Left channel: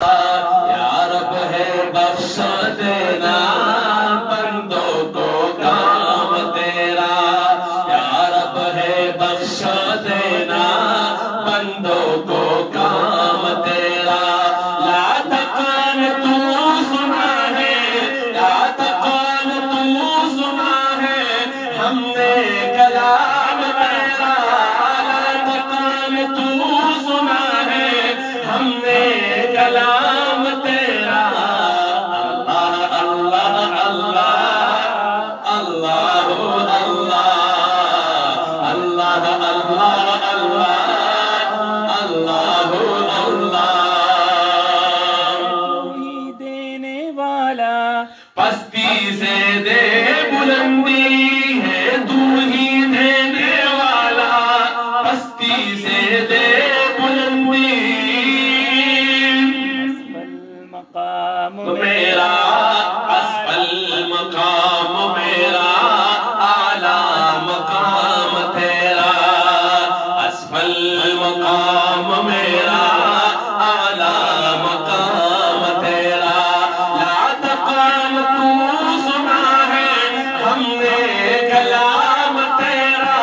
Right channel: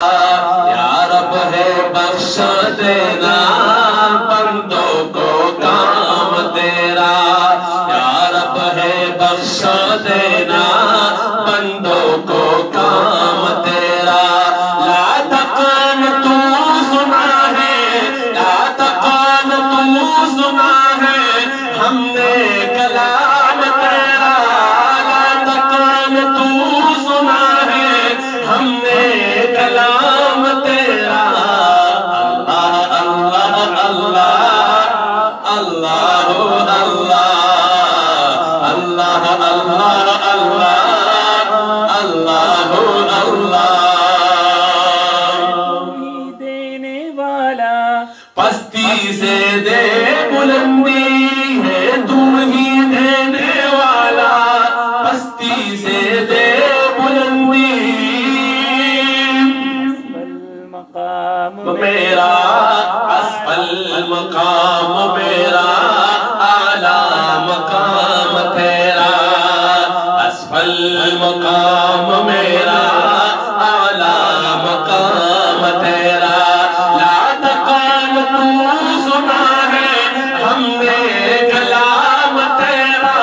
یا رب ہے بخش دینا بندوں کو کام تیرا، یا رب ہے بخش دینا بندوں کو کام تیرا۔ لا تقان تو سنا ہے، لا تقان تو سنا ہے ہم نے کلام تیرا، لا تقان تو سنا ہے ہم نے کلام تیرا۔ اللہ اللہ اللہ اللہ اللہ اللہ اللہ اللہ دینے والا پستی سے دے بلندی ہے، تو ہی دینے والا پستی سے دے بلندی۔ مقام میرا اسفل مقام میرا، اعلیٰ مقام تیرا، اسفل مقام میرا، اعلیٰ مقام تیرا۔ لا تقان تو سنا ہے ہم نے کلام تیرا،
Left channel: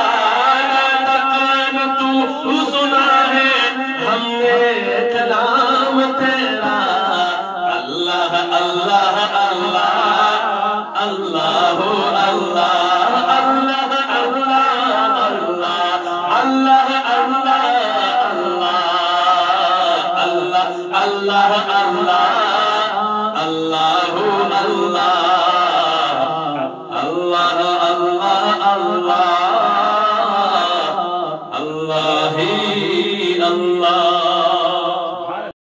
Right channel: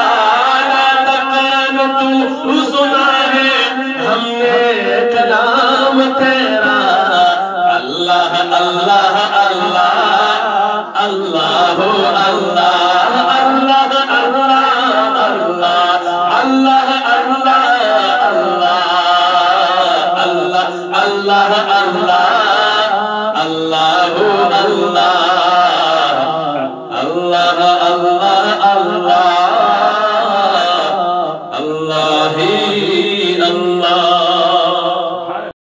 لا تقان تو سنا ہے ہم نے کلام تیرا۔ اللہ اللہ اللہ اللہ اللہ اللہ اللہ اللہ اللہ اللہ اللہ اللہ